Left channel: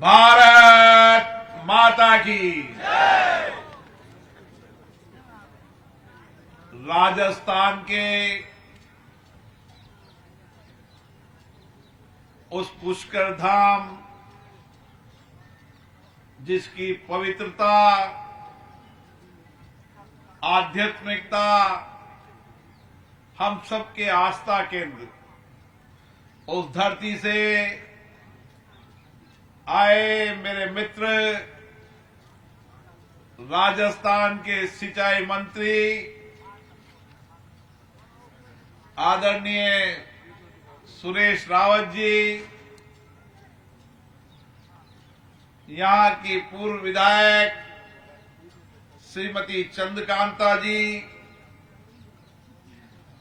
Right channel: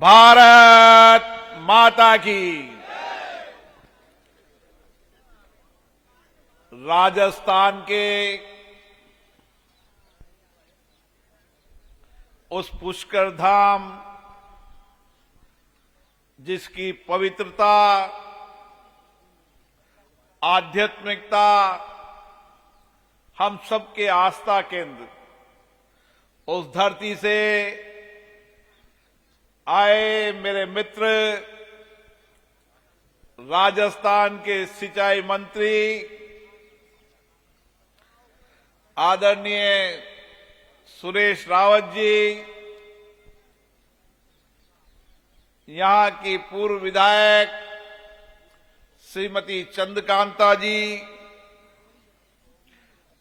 भारत माता की। राजस्थान के उस पुष्कर धाम जिसकी पवित्रता, आध्यात्मिकता हम सबके आस्था केंद्र, उस धरती से आए मेरे मित्र राजस्थान के सिंचाई मंत्री आदरणीय सुरेश रावत जी, यहां की पूर्व विधायक श्रीमती चंद्रकांता जी,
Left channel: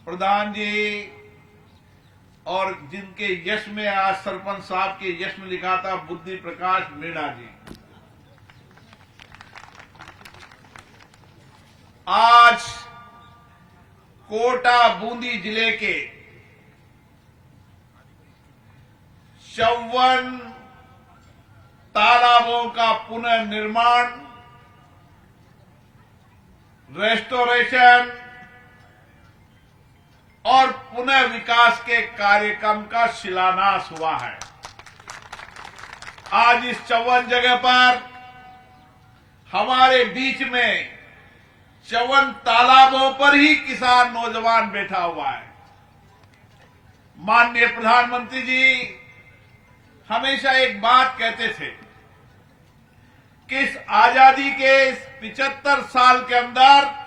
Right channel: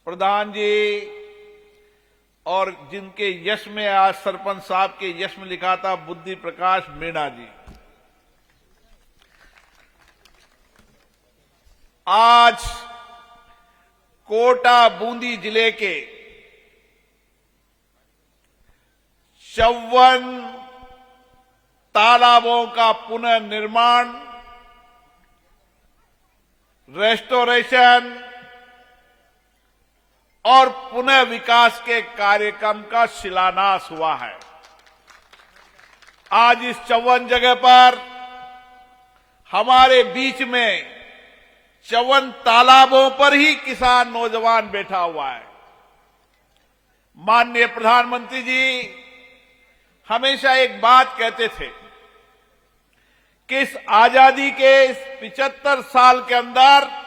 प्रधान जी, और जिनके यश में आज सरपंच साहब के यश में लिखा था बुद्धि प्रकाश मीणा जी। आज कोटा बूंदी जिले के 54 तालाबों का पुनर्निर्माण, रेस्टोरेशन और पुनः विकास के कार्यक्रम का शिलान्यास हुआ है। आज इस 54 जगह पर हमारे बीच में 54 तालाबों पर ही किसान नौजवान बैठा हुआ है। माननीय प्रधानमंत्री जी हमेशा एक बात कहते थे कि इस आजादी के इस 75 साल के अंदर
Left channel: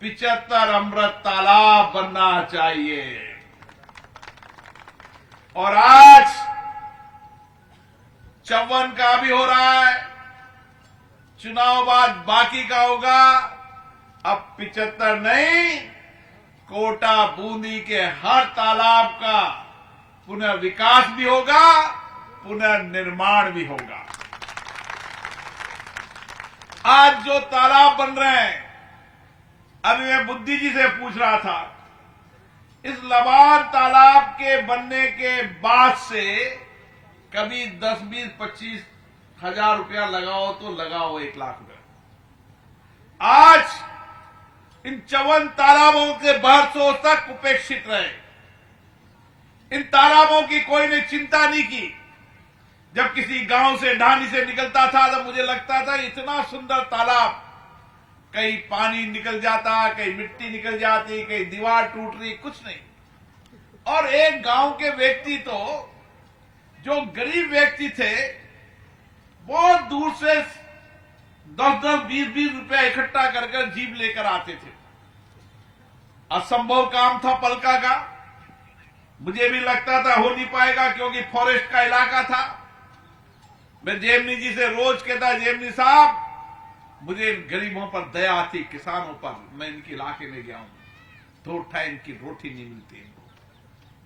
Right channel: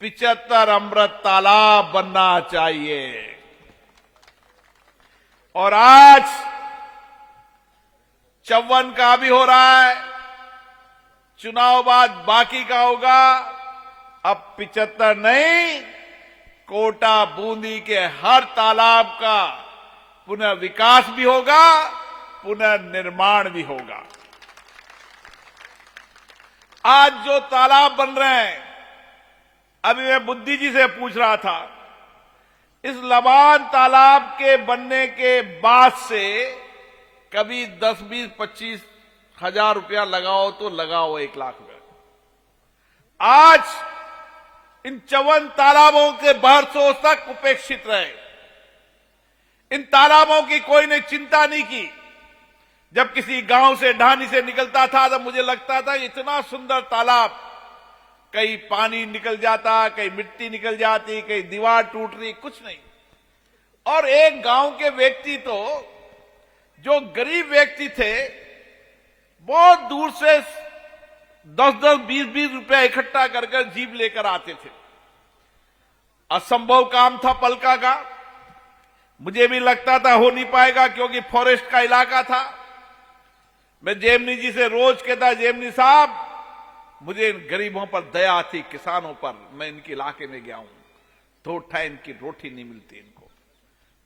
75 अमृत तालाब बनना चाहिए। और आज 54 का भी हो रहा है, चुनाव बाद बाकी का होगा। अब 75 नहीं, कोटा बूंदी के हर तालाब का पुनर्विकास भी होगा, पुनर्निर्माण भी होगा। आज जो तालाब बन रहे हैं, अभी मैं बुद्धि जी से पूछ रहा था, इस लबान तालाब के बनने के बाद से कभी 10, 20, 25 हजार रुपया लगाओ तो लगाओ 1 लाख रुपया। आज इन 54 तालाबों के बरसों तक उपेक्षित रहे। इन तालाबों की कोई ने चिंता नहीं की। जब किसी गांव से ढानी से निकलता था तो मुझे लगता था इतना सुंदर तालाब, कहीं पानी निकल जाता, कहीं मिट्टी निकल जाती, कहीं दीवार टूट रही, कुछ नहीं। और एक गांव के व्यक्ति तो जो गरीब व्यक्ति थे, बहुत दूर से 10-10, 20-20 रुपया इकट्ठा कर जीप लेकर आते थे। असंभव काम था पलका का। मुझे भी लगता था हो नहीं पाएगा क्योंकि फॉरेस्ट का इलाका था। मैं जेमनी जी से रोज कहता, जेमनी साहब मुझे इन गरीबों पर दया आती, किसानों पर। मैं इनके इलाके में गया हूं, 2 टाइम की रोटी नहीं मिलती इनको,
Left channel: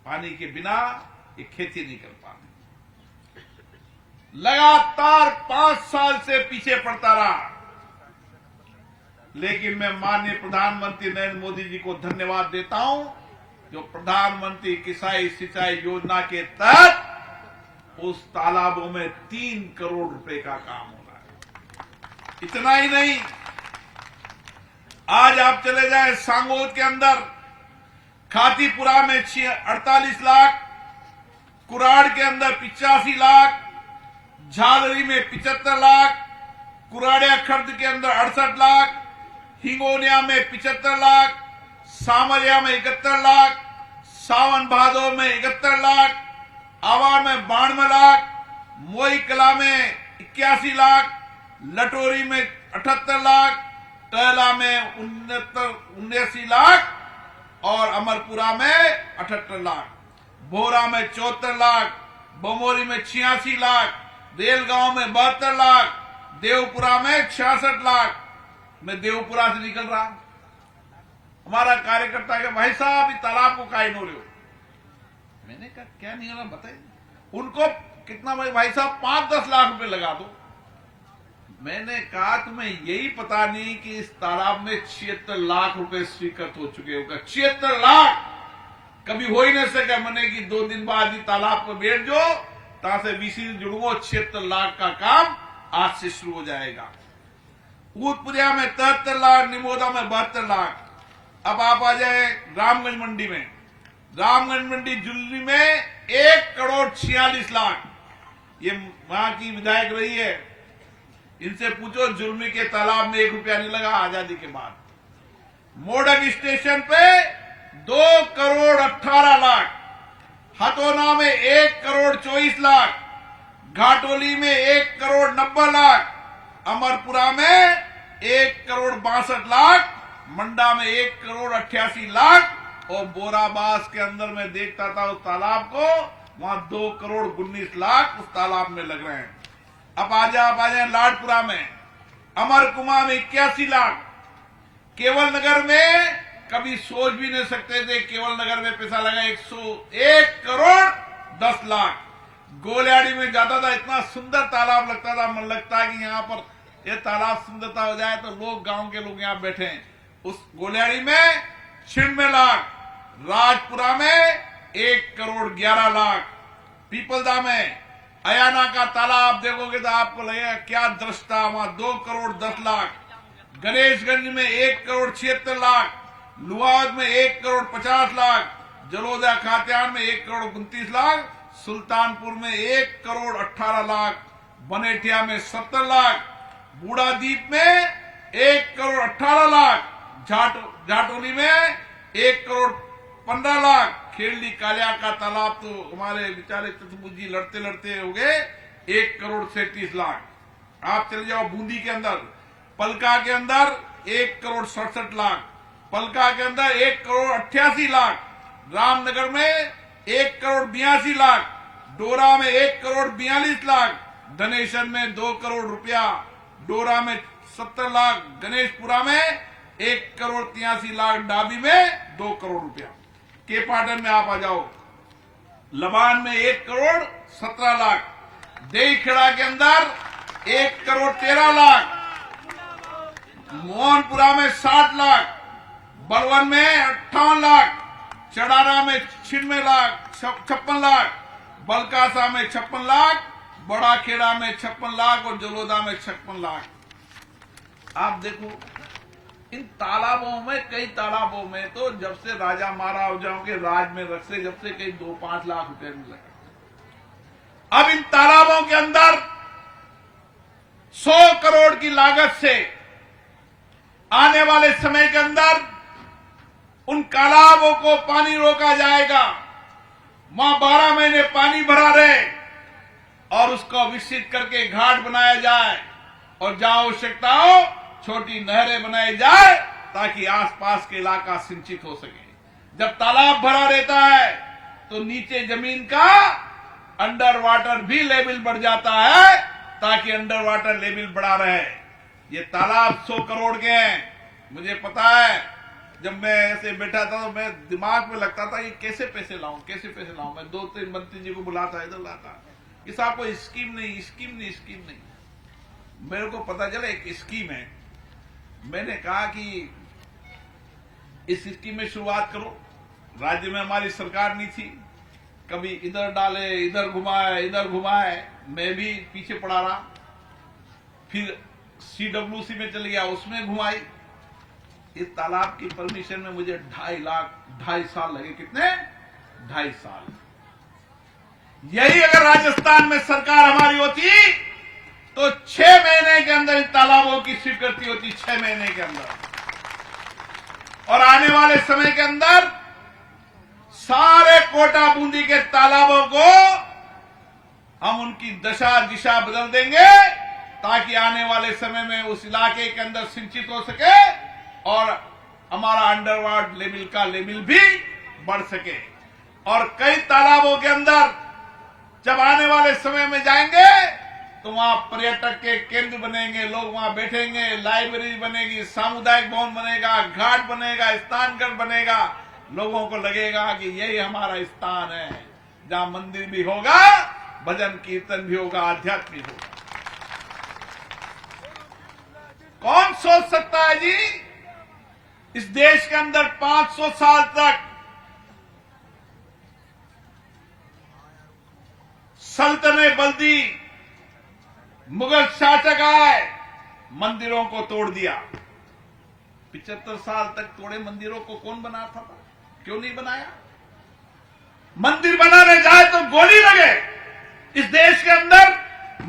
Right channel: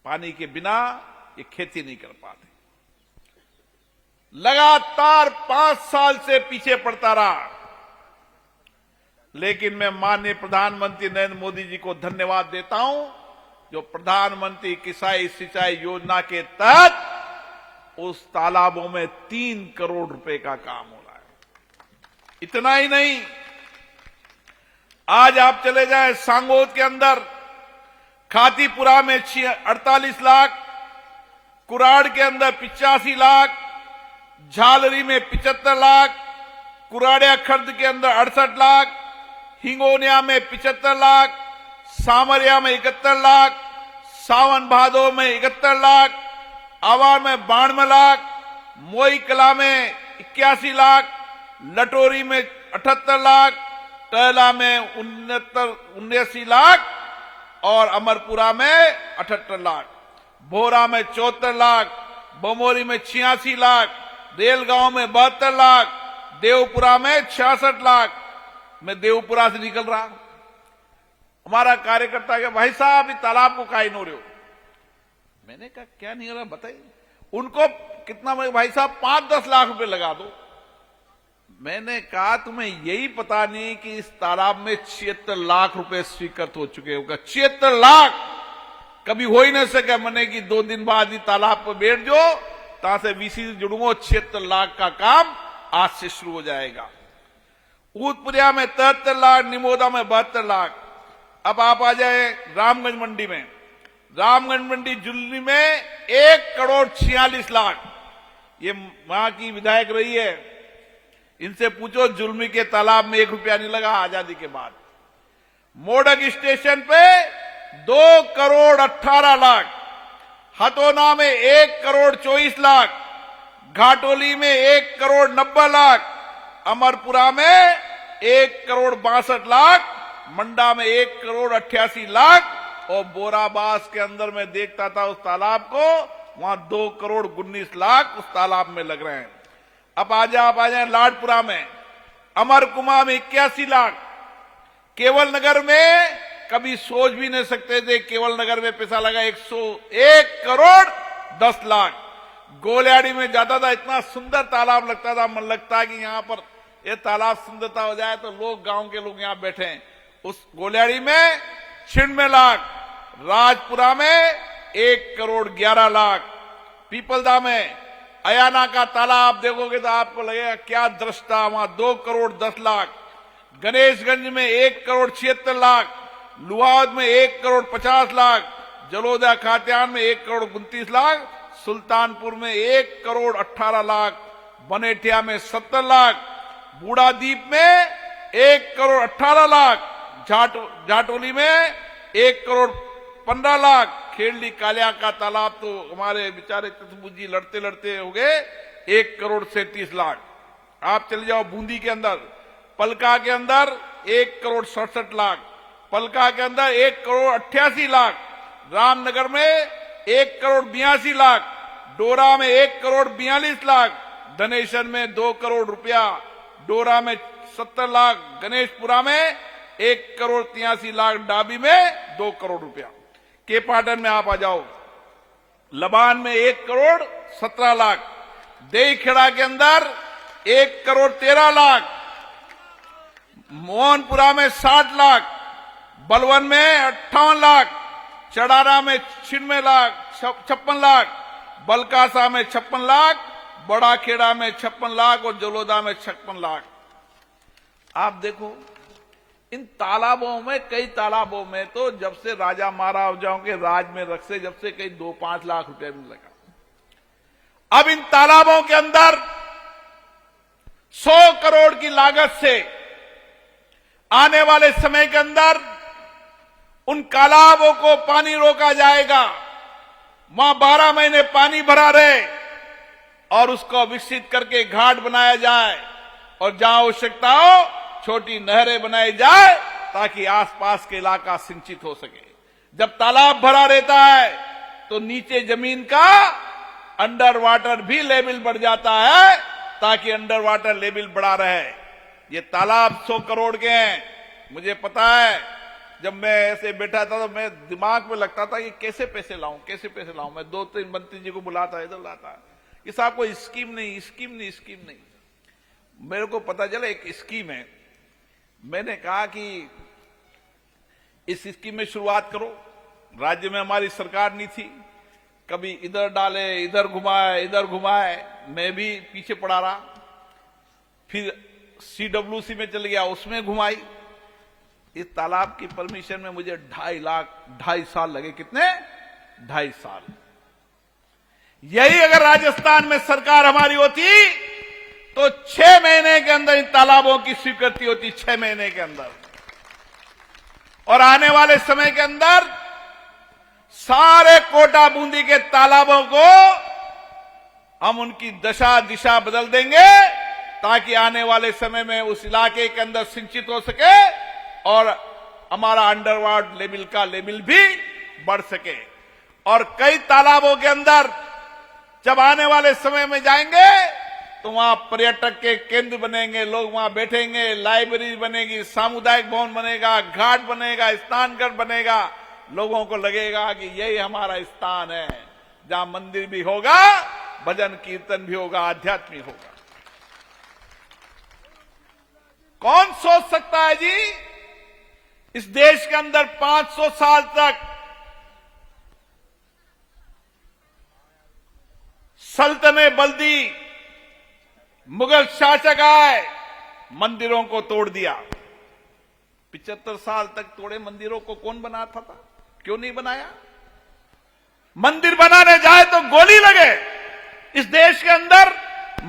पानी के बिना ये खेती नहीं कर पाते। लगातार 5 साल से पीछे पड़ता रहा, लेकिन मैं माननीय प्रधानमंत्री नरेंद्र मोदी जी को धन्यवाद देता हूं, जो प्रधानमंत्री किसान सिंचाई योजना के तहत उस तालाबों में 3 करोड़ रुपए का काम हो रहा है। इतना ही नहीं, आज आप चले जाएं सांगोद के अंदर, खातीपुरा में 48 लाख, कुराड़ के अंदर 85 लाख, झालरी में 75 लाख, कुराड़िया खर्द के अंदर 68 लाख, हिंगोनिया में 75 लाख, सामरिया में 71 लाख, सावन भादो में 71 लाख, आवा में 92 लाख, मोई कला में 81 लाख, लटोरी में 78 लाख, टहला में 79 लाख और अमरपुरा में 78 लाख, भोरा में 74 लाख, बमोरी में 86 लाख, रेलगांव में 72 लाख, देवपुरा में 66 लाख। मैं देवपुरा से निकल रहा हूं, हमारा कार्यकर्ता के भाई साहब इस तालाब को काहे नो रहे हो? मैंने कहा क्या नहीं रहा बताइए। उनको कितना, भाई साहब 5-10 लाख रुपए लगा दो। मैंने कहा तुम्हें यही पता नहीं कि इस तालाब में 76 लाख रुपए स्वीकृत हो चुके होगा। 76 लाख कभी हो ही नहीं सके। मैंने कि 2 दिन बाद ही तालाब पर बैठ जाओ, ता से विशेष जुड़वो 76 लाख का काम आज से शुरू हो जाएगा। ऊदपुरिया में 73 लाख, निमोदा में 72 लाख। अब आप आ जाए रामगंज मंडी में। रामगंज मंडी जुल्ली में 1,46,00,000। ये वहां की विधायक रही है, इनसे पूछो जुल्मी के तालाब में 1 रुपया नहीं लगा आजादी के बाद। मोडक स्टेशन पे 2,18,00,000। हथोना में 1,24,00,000। घाटोली में 1,90,00,000। अमरपुरा में 1,62,00,000। मंडा में 1,88,00,000। और बोराबास के अंदर मैं देखता था उस तालाब को, वहां 2,19,00,000 उस तालाब में लग रहे हैं। अब आप आ जाए लाडपुरा में। अमरकुमा में 81 लाख। केवल नगर में कभी सोच भी नहीं सकते थे, केवल नगर में पैसा लगा 101,10,00,000। गोलियाड़ी में जाता था, इतना सुंदर तालाब लगता था, मन लगता है कि यहाँ पर ये तालाब सुंदरता हो जाए तो लोग, गांव के लोग यहाँ बैठे हैं। उस गोलियाड़ी में 96 लाख। राजपुरा में 1,11,00,000। पीपलदा में अयाना का तालाब देखोगे तो आपको लगेगा क्या दृश्य था, वहां 2,10,00,000। गणेशगंज में 1,76,00,000। लुहावद में 1,50,00,000। जलोदा खात्यान में 1,29,00,000। सुल्तानपुर में 1,18,00,000। बनेठिया में 70 लाख। बूढ़ादीप में 1,18,00,000। जाटोली में 1,15,00,000। खेड़ी कालिया का तालाब तो हमारे बेचारे चतुर्भुज जी लड़ते लड़ते हो गए 1,37,00,000। आप चले जाओ बूंदी के अंदर, पलका के अंदर 1,67,00,000। पलका के अंदर 1,88,00,000। रामनगर में 1,82,00,000। डोरा में 1,42,00,000। धनेश्वर में 2 करोड़ रुपया। डोरा में 70 लाख। गणेशपुरा में 1,83,00,000। डाबी में 2 करोड़ रुपया। के पाटन में आप आ जाओ, लबान में 1,17,00,000। देईखेड़ा के अंदर 1,13,00,000। मोहनपुरा में 60 लाख। बलवन में 58 लाख। चड़ारा में 96 लाख, 56 लाख। बलकासा में 56 लाख। बड़ा खेड़ा में 56 लाख और जलोदा में 56 लाख। आप देखो इन तालाबों में, कई तालाबों में तो जब से राजा महाराजाओं के राज में रख से, जब से कई 2-5 लाख रुपए में लगा। अब इन तालाबों के अंदर 100 करोड़ की लागत से आने वाले समय के अंदर उन तालाबों को पानी रोका जाएगा। वहां 12 महीने पानी भरा रहे और उसको विकसित करके घाट बनाया जाए और जहां आवश्यकता हो छोटी नहरें बनाई जाए ताकि आसपास के इलाका सिंचित हो सके। जब तालाब भरा रहता है तो नीचे जमीन का अंडर वाटर भी लेवल बढ़ जाता है ताकि अंडर वाटर लेवल बढ़ा रहे। ये तालाब 100 करोड़ के हैं। मुझे पता है, जब मैं ऐसे बैठा था तो मैं दिमाग में लगता था कि कैसे पैसे लाऊं, कैसे पैसे लाऊं। मैं 2-3 मंत्री जी को बुलाता, इधर लाता कि साहब कोई स्कीम नहीं। मेरे को पता चला एक स्कीम है। मैंने कहा कि इस स्कीम में शुरुआत करो। राज्य में हमारी सरकार नहीं थी, कभी इधर डाले, इधर घुमाए। मैं भी पीछे पड़ा रहा। फिर CWC में चले गया, उसमें घुमाई। इस तालाब की परमिशन में मुझे 2.5 साल लगे। कितने? 2.5 साल। यही अगर राजस्थान में सरकार हमारी होती तो 6 महीने के अंदर इन तालाबों की स्वीकृति होती, 6 महीने के अंदर। और आने वाले समय के अंदर सारे कोटा बूंदी के तालाबों को हम उनकी दशा दिशा बदल देंगे ताकि आने वाले समय में उस इलाके के अंदर सिंचित हो सके और हमारा अंडरवाटर लेवल का लेवल भी बढ़ सके। और कई तालाबों के अंदर जब आने वाले समय में जाएंगे तो वहां पर्यटक के केंद्र बनेंगे, लोग वहां बैठेंगे, लाइब्रेरी बनेगी, सामुदायिक भवन बनेगा, घाट बनेगा, स्नानघर बनेगा। लोगों को लगेगा कि यही हमारा स्थान है जहां मंदिर भी होगा, भजन कीर्तन भी होगा, आध्यात्म भी होगा। कौन सोच सकता है जी इस देश के अंदर 500 साल तक सल्तनत बल्दी, मुगल शासक आए, मंदिरों को तोड़ दिया। 75 साल तक तोड़े मंदिरों को कौन बनाता था? क्यों नहीं बनाया? मंदिर बनाने जाए तो गोली लगे। इस देश के अंदर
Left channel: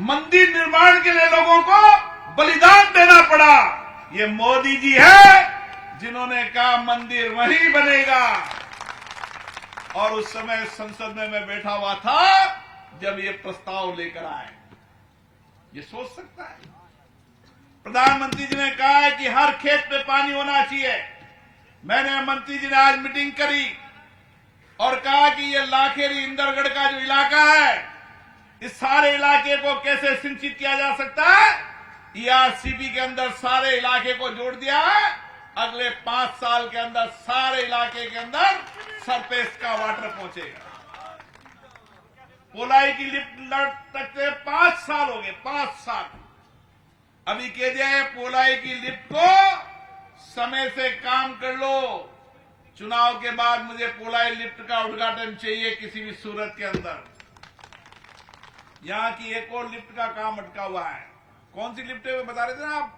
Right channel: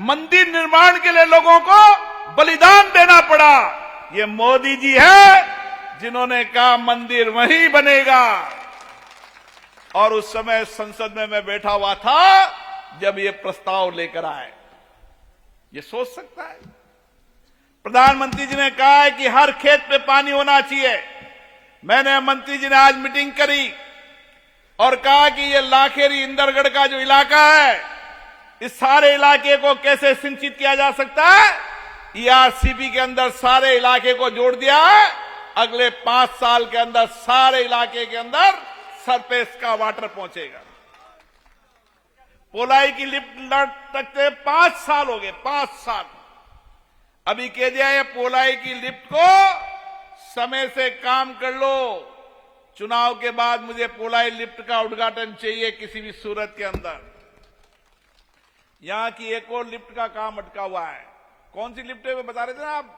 मंदिर निर्माण के लिए लोगों को बलिदान देना पड़ा। ये मोदी जी है जिन्होंने कहा मंदिर वहीं बनेगा। और उस समय संसद में मैं बैठा हुआ था जब ये प्रस्ताव लेकर आए। ये सोच सकता है? प्रधानमंत्री जी ने कहा है कि हर खेत पे पानी होना चाहिए। मैंने मंत्री जी ने आज मीटिंग करी और कहा कि ये लाखेरी इंदरगढ़ का जो इलाका है, इस सारे इलाके को कैसे सिंचित किया जा सकता है। ईआरसीपी के अंदर सारे इलाके को जोड़ दिया है। अगले 5 साल के अंदर सारे इलाके के अंदर सरफेस का वाटर पहुंचेगा। पोलाई की लिफ्ट तकते 5 साल हो गए, 5 साल। अभी कह दिया है पोलाई की लिफ्ट को समय से काम कर लो। चुनाव के बाद मुझे पोलाई लिफ्ट का उद्घाटन चाहिए किसी भी सूरत के अंदर। यहां की एक और लिफ्ट का काम अटका हुआ है। कौन सी लिफ्ट है वो बता रहे थे ना आप?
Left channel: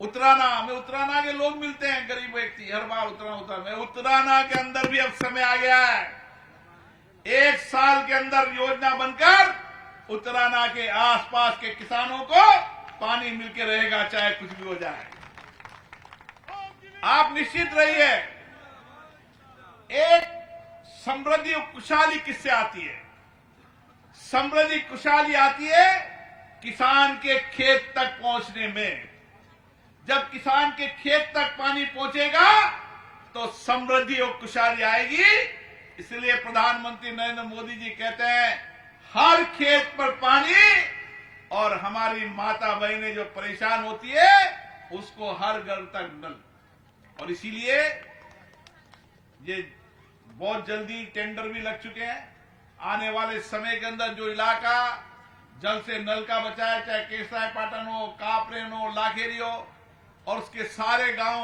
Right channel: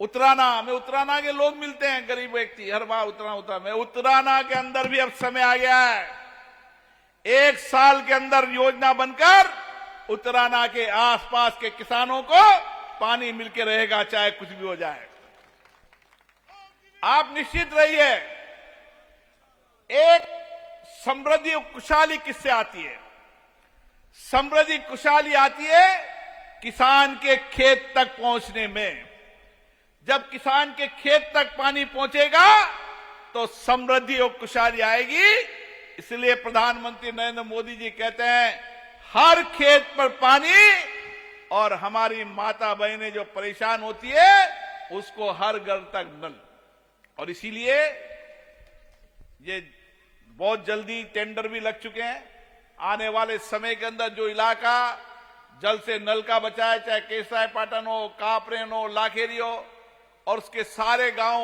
उतराना में, उतराना के लोग मिलते हैं, गरीब व्यक्ति हर बार उतराना में। उतराना के अंदर भी अब समय आ गया है। 1 साल के अंदर योजना बनकर उतराना के आसपास के किसानों को पानी मिलके रहेगा, चाहे कुछ भी हो जाए। आप निश्चित रहिए। एक समृद्धि और खुशहाली किससे आती है? समृद्धि खुशहाली आती है किसान के खेत तक पहुंचने में। जब किसान के खेत तक पानी पहुंचेगा तो समृद्धि और खुशहाली आएगी। इसलिए प्रधानमंत्री नरेंद्र मोदी जी कहते हैं हर खेत पर पानी, और हमारी माता बहनें जो परेशान होती है उसको हर घर तक नल। और इसीलिए ये बहुत जल्दी टेंडर भी लग चुके हैं। आने वाले समय के अंदर जो इलाका जल से नल का बचा है, चाहे केसराय पाटन हो, कापरेन हो, लाखेरी हो, और उसके सारे गांव,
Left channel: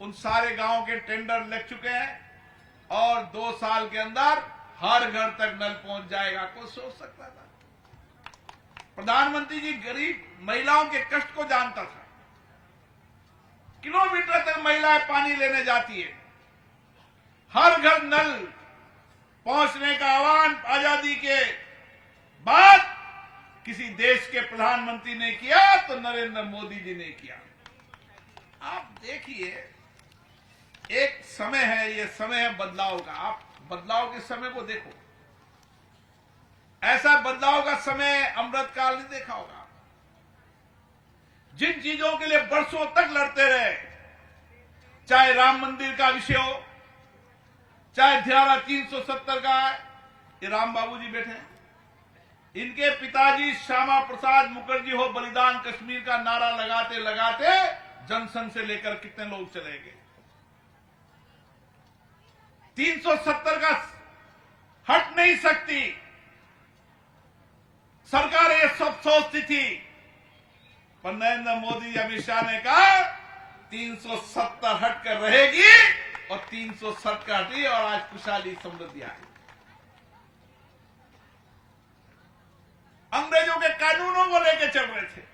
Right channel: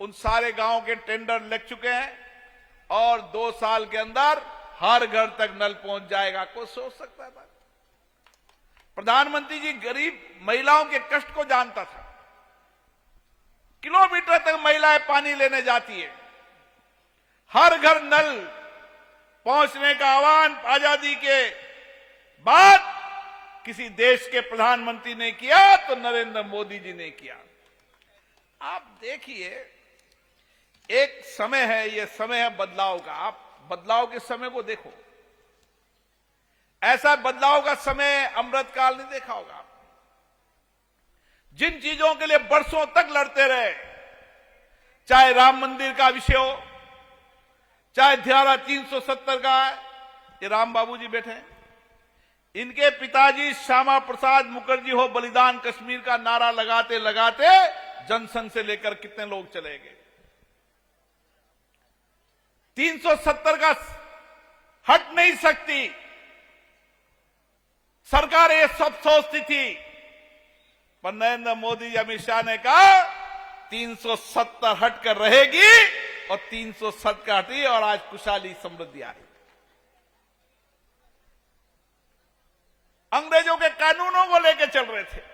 उन सारे गांव के टेंडर लग चुके हैं। और 2 साल के अंदर हर घर तक नल पहुंच जाएगा। कोई सोच सकता था? प्रधानमंत्री जी गरीब महिलाओं के कष्ट को जानता था। किलोमीटर तक महिलाएं पानी लेने जाती है। हर घर नल पहुंचने का आह्वान आजादी के बाद किसी देश के प्रधानमंत्री ने किया तो नरेंद्र मोदी जी ने किया। आप देखिए, एक समय है, ये समय है बदलाव का। आप बदलाव के समय को देखो। ऐसा बदलाव का समय अमृतकाल नहीं देखा होगा। जिन चीजों के लिए बरसों तक लड़ते रहे, चाहे राम मंदिर का विषय हो, चाहे धारा 370 का, ये राम बाबू जी बैठे हैं, इनके पिताजी श्यामा प्रसाद मुखर्जी हो, बलिदान कश्मीर का नारा लगाते लगाते जनसंघ से लेकर कितने लोग चले गए। 370 का हट नहीं सकती सरकार, ये सब सोचती थी, पर नरेंद्र मोदी अमित शाह ने कहा 370 हटकर रहेगी, और 370 हटी, और आज खुशहाली समृद्धि आई। अंग्रेजों के कानूनों को लेकर चल रहे थे।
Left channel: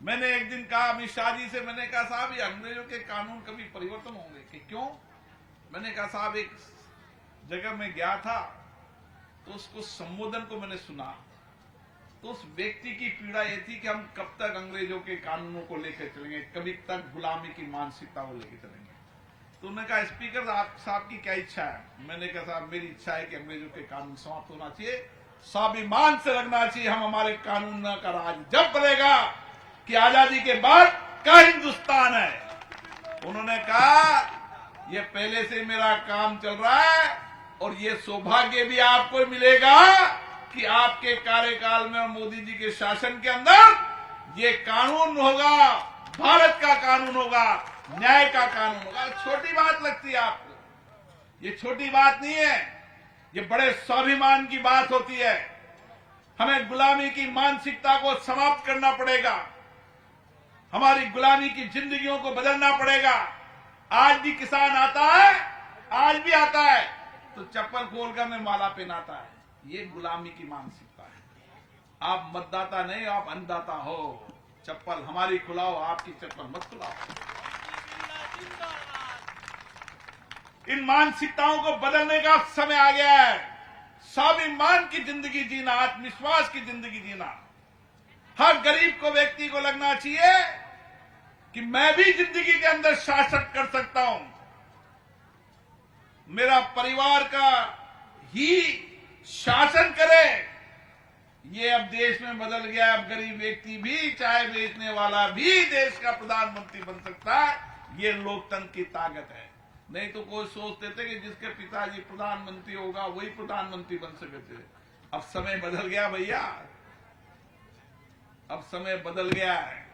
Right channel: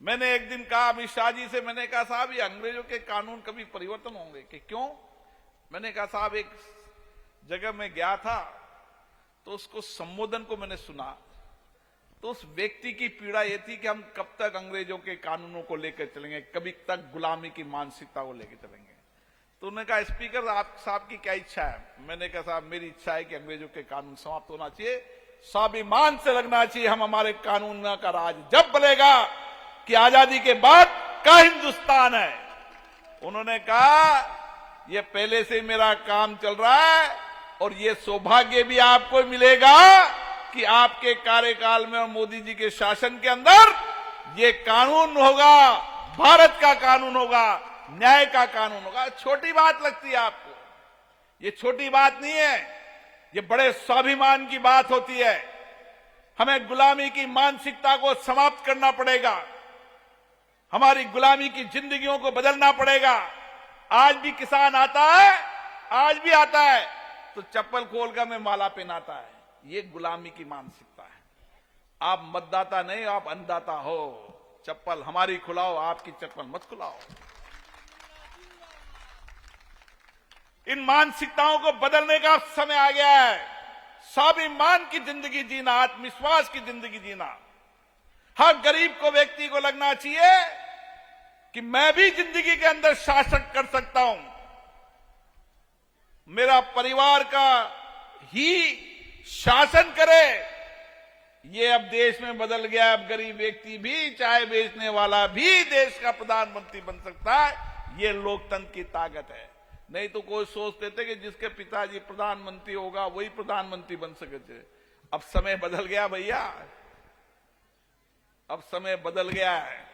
मैंने एक दिन कहा अमित शाह जी से, मैंने कहा साहब ये अंग्रेजों के कानून कभी परिवर्तन होंगे कि क्यों? मैंने कहा साहब एक जगह में गया था तो उसको संबोधन को मैंने सुना, तो उस व्यक्ति की पीड़ा ये थी कि हम कब तक अंग्रेजों के कानूनों को लेकर चलेंगे, कभी तक गुलामी की मानसिकता को लेकर चलेंगे। तो उन्होंने कहा स्पीकर आप साहब की क्या इच्छा है? मैंने कहा साहब मेरी इच्छा है कि अंग्रेजों के कानून समाप्त होना चाहिए, स्वाभिमान से लगना चाहिए। हम हमारे कानून का राज जब बनेगा कि आजादी के बाद का हिंदुस्तान है। उन्होंने कहा ये पहले से मेरा काम चल रहा है, और ये सौभाग्य भी आपको मिलेगा कि आपके कार्यकाल में और मोदी जी के शासन के अंदर ये कानून होगा, भारत का कानून होगा, न्याय का कानून होगा। छोटी बात लगती है आपको? ये छोटी बात नहीं है, ये बड़े स्वाभिमान की बात होती है। हमें गुलामी की मानसिकता को समाप्त करना पड़ेगा, हमारी गुलामी की जिंदगियों को बदलना पड़ेगा। आज भी किसान आता है, आज भी आता है, तो चप्पल खोलकर मैं माला पहनाता है। ये गुलामी की मानसिकता है। आप मतदाता नहीं, आप अन्नदाता हो। चप्पल हमारी खुलाओ, आपकी चप्पल मत खुलाओ। इन मानसिकताओं को बदलने का समय आ गया है। स्वाभिमान की जिंदगी जीना, आत्मविश्वास की जिंदगी जीना। हर गरीब को, व्यक्ति को लगना चाहिए कि मैं भी जिंदगी के अंदर शासन कर सकता हूं। मेरा परिवार का ही शासन करे। ये अब देश में बदल गया। अब गरीब व्यक्ति भी, चाय बेचने वाला भी देश का प्रधानमंत्री बन सकता है। ये लोकतंत्र की ताकत है। नहीं तो कोई सोचते थे कि जिसके पिताजी प्रधानमंत्री होगा वही प्रधानमंत्री बन सके थे। अब समय बदल गया भैया, अब समय बदल गया है।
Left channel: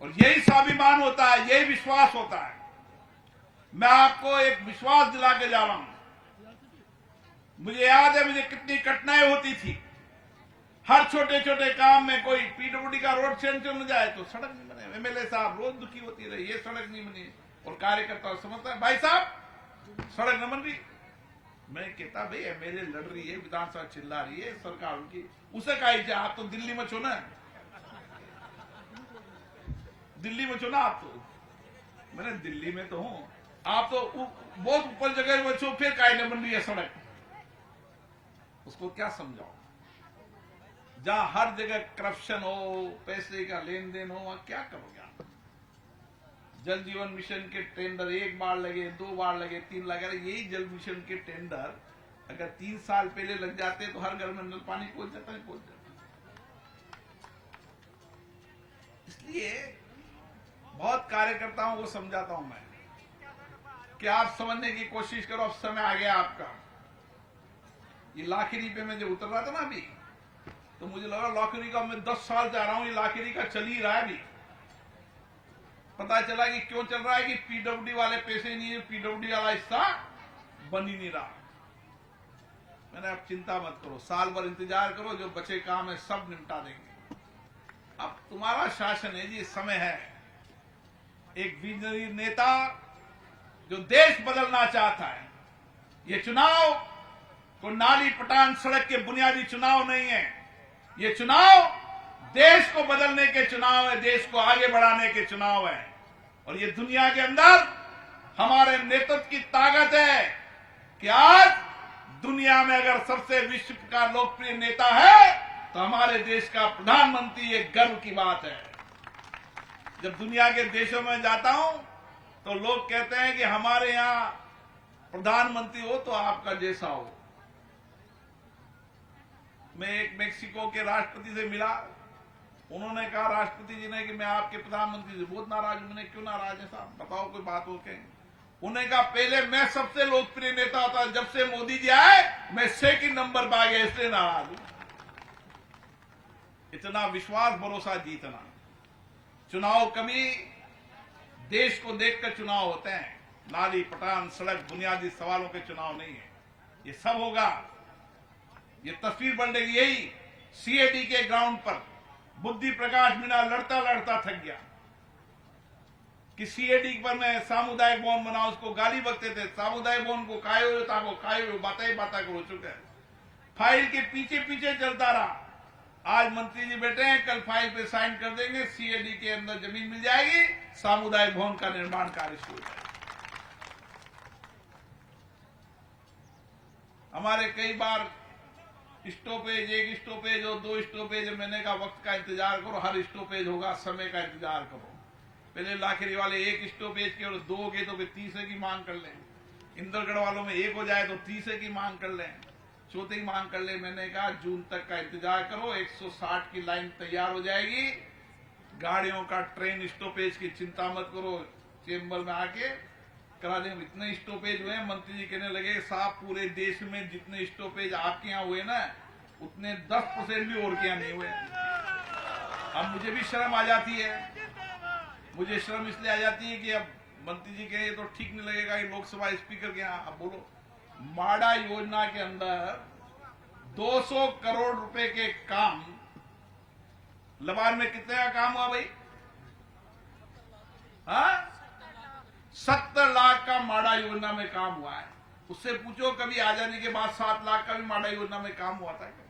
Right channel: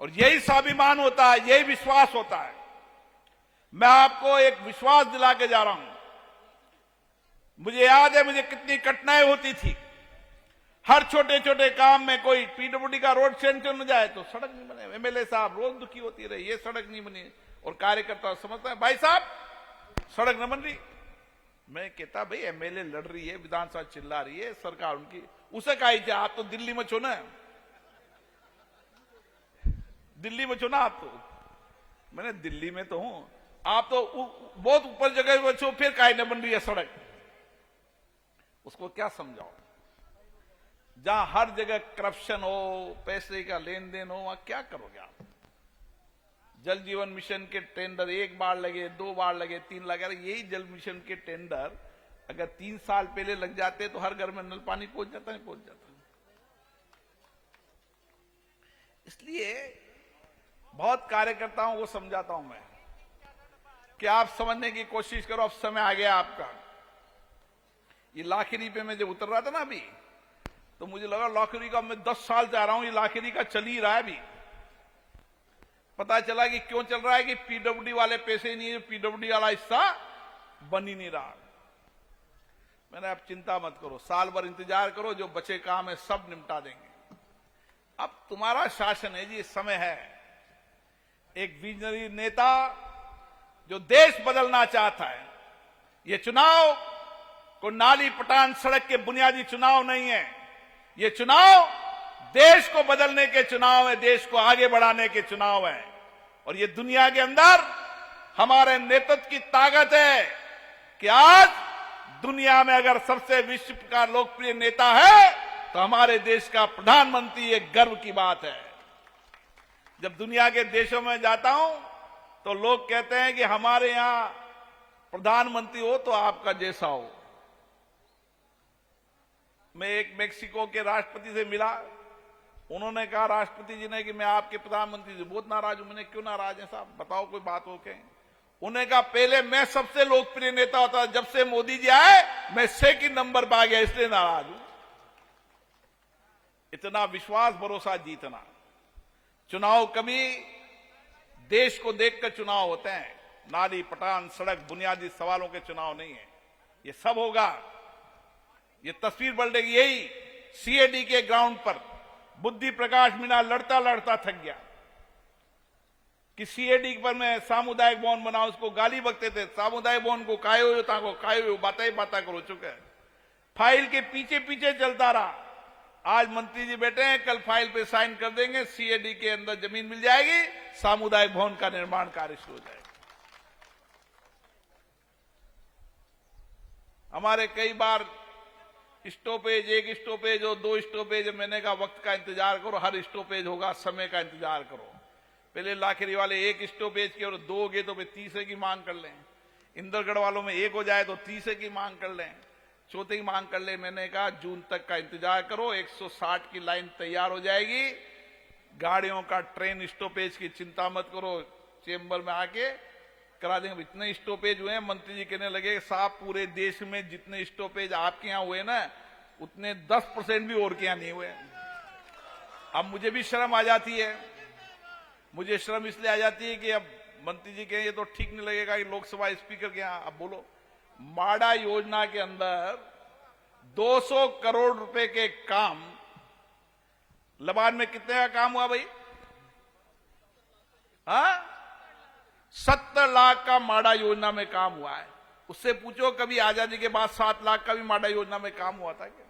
और यही स्वाभिमान होता है, यही विश्वास होता है। मैं आपको एक विश्वास दिला के जा रहा हूं। मुझे याद है मुझे कितनी कठिनाई होती थी। हर छोटे छोटे काम में, कोई पीडब्ल्यूडी का रोड सेंक्शन हो जाए तो सड़क नहीं बने। एमएलए साहब रोज दुखी होती रही, ये सड़क नहीं बनी। और कार्यकर्ता समझता है भाई साहब सड़क न बन रही। मैं कहता भाई एमएलए लड़ रही है, विधानसभा चिल्ला रही है, सरकार उनकी, उसे कही आप तो दिल्ली में छो ना, दिल्ली में छो ना आप तो। मैंने दिल्ली में तो हूं, आप तो बहुत ऊपर जगह में छो, फिर काहे न बन रही है सड़क। उसको क्या समझाओ? जहां हर जगह करप्शन हो, पैसे का लेन देन हो, वहां क्या करोगे आप? जल जीवन मिशन के टेंडर 1 बार लगे, 2 बार लगे, 3 लगे। यही जल मिशन के टेंडर अगर 3 साल पहले लग जाते तो हर घर में नल पानी पहुंच जाता है, पहुंच जाता। इसलिए बहुत कार्यकर्ताओं को समझाता हूं मैं कि आप समझने की कोशिश करो। अब समय आ गया आपका। ये लाखिरी पे मैं जब उतर रहा था ना अभी, तो मुझे लगा लाखिरी का, मैं 10 साल जा रहा हूं, ये लाखिरी का चल ही रहा है। अभी पता चला कि क्यों चल रहा है कि पीडब्ल्यूडी वाले पैसे नहीं है, पीडब्ल्यूडी वाला हिस्सा बन ही नहीं रहा। मैंने आप चिंता मत करो, साल भर इंतजार करो, जो बचे काम है सब निपटा देंगे। अब तुम्हारा शासन है जी, समय है। एक विजनरी नेता जो देश बदलना चाहता है। ये चुनाव को नाली पटान सड़क के बुनियादी चुनाव नहीं है। ये चुनाव देश को बदलने के चुनाव है, देश को आगे बढ़ाने के चुनाव है। और ये दुनिया के अंदर हमारे नेतृत्व की ताकत है कि आज दुनिया में अगर सबसे विश्व का लोकप्रिय नेता है तो हमारे देश का प्रधानमंत्री, एक गर्व की बात है। जब दुनिया के देशों में जाता हूं तो लोग कहते हैं कि हमारे यहां प्रधानमंत्री हो तो आपका जैसा हो। मैं एक मेक्सिको के राष्ट्रपति से मिला। उन्होंने कहा राष्ट्रपति जी ने कि मैं आपके प्रधानमंत्री से बहुत नाराज हूं। मैंने क्यों नाराज है साहब, बताओ कोई बात हो क्या? उन्होंने कहा पहले मैं सबसे लोकप्रिय नेता होता, जब से मोदी जी आए मैं 2nd नंबर पर आ गया, इसलिए नाराज हूं। इतना विश्वास, भरोसा जीतना। चुनाव कभी देश को देखकर चुनाव होते हैं। नाली पटान सड़क बुनियादी सवालों के चुनाव नहीं है। ये सब होगा, ये तस्वीर बदलेगी। यही सीएडी के ग्राउंड पर बुद्धि प्रकाश मीणा लड़ता लड़ता थक गया कि सीएडी पर मैं सामुदायिक भवन बना, उसको गाली बकते थे। सामुदायिक भवन को कायो ताको कायो, बातें करो चुके। फाइल के पीछे पीछे चलता रहा। आज मंत्री जी बैठे हैं, कल फाइल पे साइन कर देंगे, सीएडी के अंदर जमीन मिल जाएगी, सामुदायिक भवन का निर्माण कार्य शुरू हो जाएगा। हमारे कई बार स्टॉपेज, 1 स्टॉपेज और 2 स्टॉपेज, मैंने कहा वक्त का इंतजार करो, हर स्टॉपेज होगा, समय का इंतजार करो। पहले लाखिरी वाले 1 स्टॉपेज के और 2 हो गए तो फिर 3 की मांग कर लें। इंदरगढ़ वालों में 1 हो जाए तो 3 की मांग कर लें, 4 की मांग कर लें। मैंने कहा जून तक का इंतजार करो, 160 की लाइन तैयार हो जाएगी। गाड़ियों का ट्रेन स्टॉपेज की चिंता मत करो, चेंबर में आके करा देंगे। इतने स्टॉपेज हुए हैं, मंत्री जी कहने लगे साहब पूरे देश में जितने स्टॉपेज आपके यहाँ हुए ना, उतने 10% भी और के यहाँ नहीं हुए। अब मुझे भी शर्म आ जाती है। मुझे शर्म इसलिए आ जाती है कि अब मंत्री जी कहे तो ठीक नहीं लगेगा कि लोकसभा स्पीकर के यहाँ। अब बोलो, माडा योजना के अंदर 200 करोड़ रुपए के काम, लबान में कितने का काम हुआ भाई? हाँ, 70 लाख का माडा योजना में काम हुआ है। उससे पूछो कभी आजादी के बाद 7 लाख का भी माडा योजना में काम हुआ था क्या?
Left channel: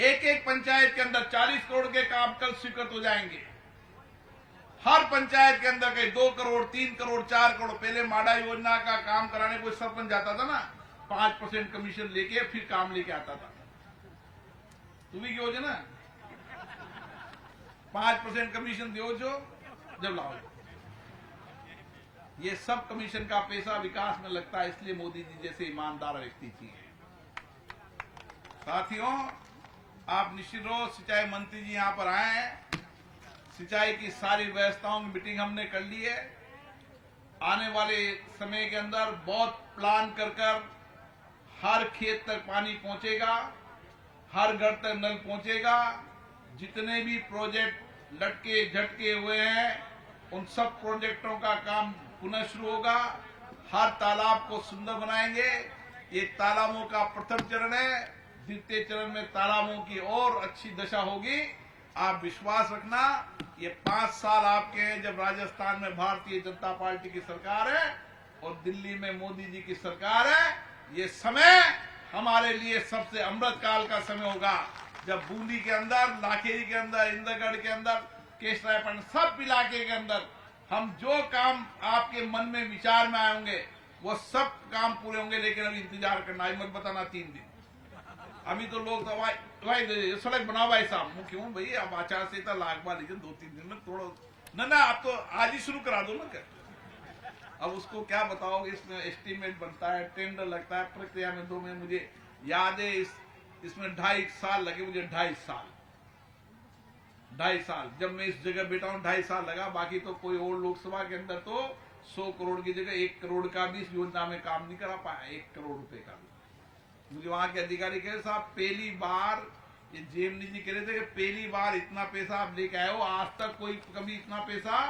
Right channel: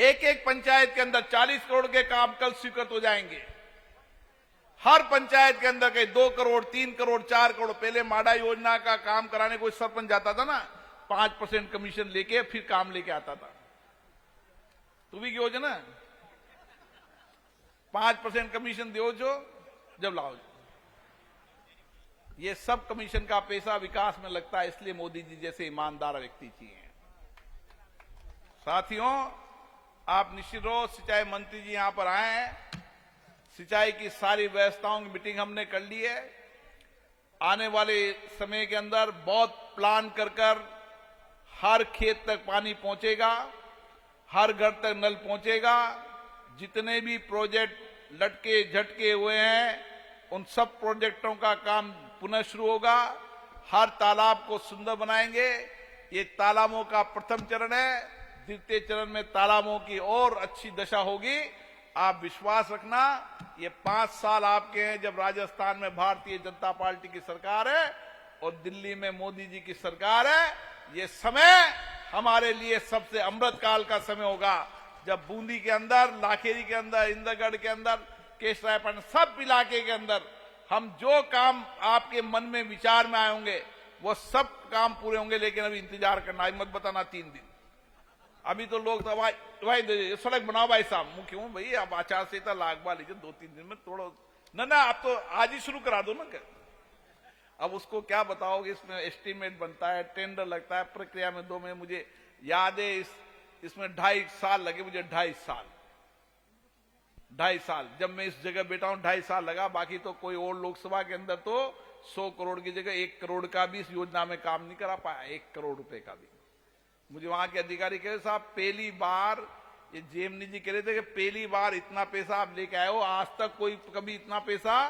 एक एक पंचायत के अंदर 40 करोड़ के काम कल स्वीकृत हो जाएंगे। हर पंचायत के अंदर के 2 करोड़ 3 करोड़ 4 करोड़। पहले माडा योजना का काम कराने कोई सरपंच जाता था ना, 5% कमीशन लेके फिर काम लेके आता था। तू भी क्यों ना 5% कमीशन दो जो जब लाओ। ये सब कमीशन का पैसा विकास में लगता है, इसलिए मोदी जी जैसे ईमानदार व्यक्ति चाहिए। साथियों, आप निश्चित रहो, सिंचाई मंत्री जी यहां पर आए हैं। सिंचाई की सारी व्यवस्थाओं की मीटिंग हमने कर ली है। आने वाले समय के अंदर बहुत प्लान कर हर खेत तक पानी पहुंचेगा, हर घर तक नल पहुंचेगा। जितने भी प्रोजेक्ट लटके झटके हुए हैं उन सब प्रोजेक्टों का काम पुनः शुरू होगा। हर तालाब को सुंदर बनाएंगे। ये तालाबों का प्रथम चरण है। द्वितीय चरण में तालाबों की और अच्छी दशा होगी। आप विश्वास रखना, ये 5 साल आपके हैं जब राजस्थान में भारतीय जनता पार्टी की सरकार है और दिल्ली में मोदी जी की सरकार है। ये समय हमारे लिए सबसे अमृत काल का समय होगा, जब बूंदी के अंदर, लाखेरी के अंदर, इंद्रगढ़ के अंदर, केशरायपाटन, सब इलाके के अंदर हम जो काम आपके मन में विचार में आए होंगे वो सब काम पूरे होंगे। लेकिन अभी इंतजार करना, मत बताना 3 दिन। अभी तो लोग तो भाई सड़क बनाओ भाई साहब। मैं क्यों भाई, अब आचार संहिता लागू लीजिए, 2-3 दिन में तोड़ो ना। आप तो आज ही शुरू करा दो ना। अब उसको क्या बताओगे, इसमें एस्टीमेट बनता है, टेंडर लगता है, प्रक्रिया में 2 महीने। मुझे याद है इसमें 2.5 साल लगे मुझे। 2.5 साल जब मैं इस जगह बैठा हूं, 2.5 साल लगा। बाकी तो कोई और लोकसभा के अंदर तो 100 करोड़ की जगह 1 करोड़ का भी इस योजना में काम नहीं करा पाया। 1 करोड़ रुपए का भी। मुझे वहां के अधिकारी कह रहे साहब, पहली बार, ये जेएमनी जी कह रहे थे कि पहली बार इतना पैसा आप लेके आए हो। आज तक कोई कभी इतना पैसा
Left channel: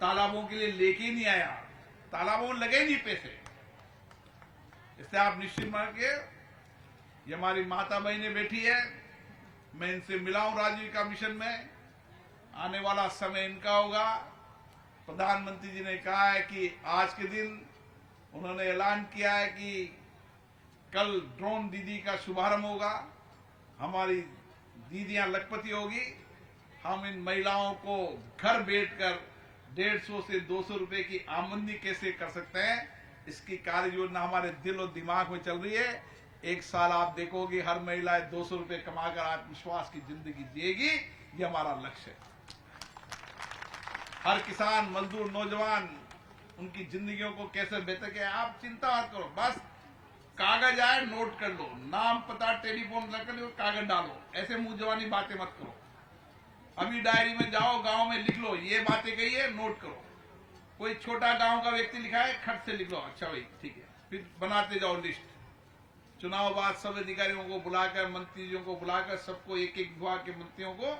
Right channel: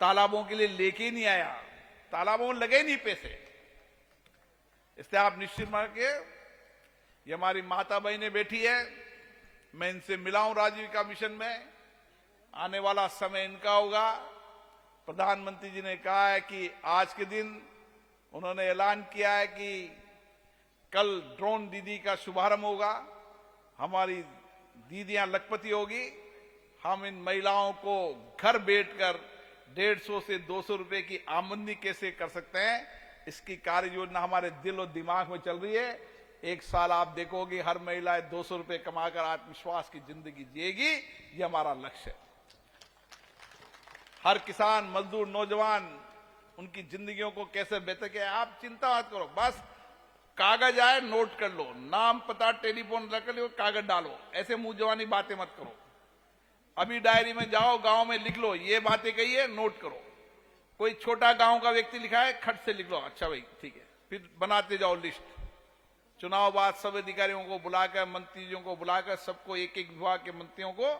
तालाबों के लिए लेके ही नहीं आया। तालाबों में लगे नहीं पैसे। इसलिए आप निश्चित मान के, ये हमारी माता बहनें बैठी है, मैं इनसे मिला हूं राजीव का मिशन में। आने वाला समय इनका होगा। प्रधानमंत्री जी ने कहा है कि आज के दिन उन्होंने ऐलान किया है कि कल ड्रोन दीदी का शुभारंभ होगा। हमारी दीदियां लखपति होगी। हम इन महिलाओं को घर बैठकर 150 से 200 रुपए की आमदनी कैसे कर सकते हैं, इसकी कार्य योजना हमारे दिल और दिमाग में चल रही है। 1 साल आप देखोगे हर महिला 200 रुपए कमाकर आत्मविश्वास की जिंदगी जिएगी। ये हमारा लक्ष्य है। हर किसान, मजदूर, नौजवान, उनकी जिंदगियों को कैसे बेहतर किया। आप चिंता मत करो, बस कागज आए नोट कर लो, नाम पता टेलीफोन रख लो, कागज डालो। ऐसे मुंह जवानी बातें मत करो। अभी डायरी में जाओ, गांव में लिख लो, ये बातें कही है, नोट करो। कोई छोटा गांव का व्यक्ति लिखा है, खट से लिख लो, अच्छा भाई ठीक है। फिर बनाते जाओ लिस्ट। चुनाव बाद सब अधिकारियों को बुलाकर, मंत्रियों को बुलाकर, सबको एक एक विभाग के मंत्रियों को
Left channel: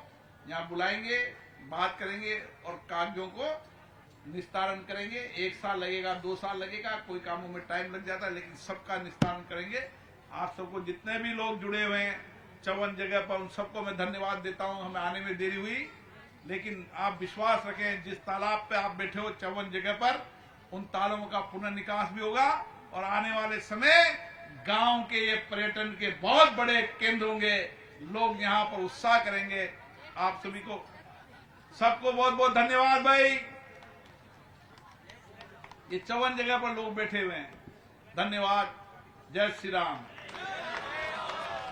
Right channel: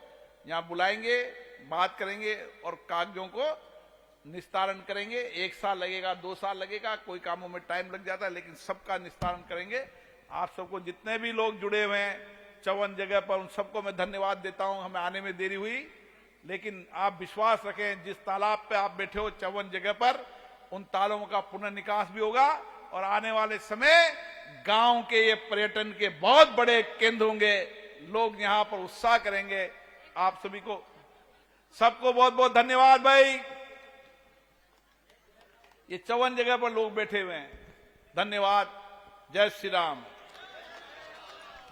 यहाँ बुलाएंगे, बात करेंगे और कागजों को निस्तारण करेंगे। 1 साल लगेगा, 2 साल लगेगा, कोई कामों में टाइम लग जाता है, लेकिन सबका निस्तारण करेंगे। आप सबको जितने भी लोग जुड़े हुए हैं 54 जगह पर, उन सबको मैं धन्यवाद देता हूं। हमें आने में देरी हुई, लेकिन आप विश्वास रखें, जिस तालाब पे आप बैठे हो 54 जगह पर, उन तालाबों का पुनर्निकास भी होगा। और आने वाले समय गांव के ये पर्यटन के बहुत बड़े केंद्र होंगे। लोग यहाँ पर उत्साह करेंगे। आप सभी को, सबको बहुत बहुत धन्यवाद भाई। ये 54 जगह पर लोग बैठे हुए हैं, धन्यवाद। जय श्री राम,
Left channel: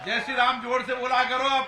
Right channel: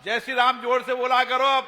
जय श्री राम जोर से बोला करो अब।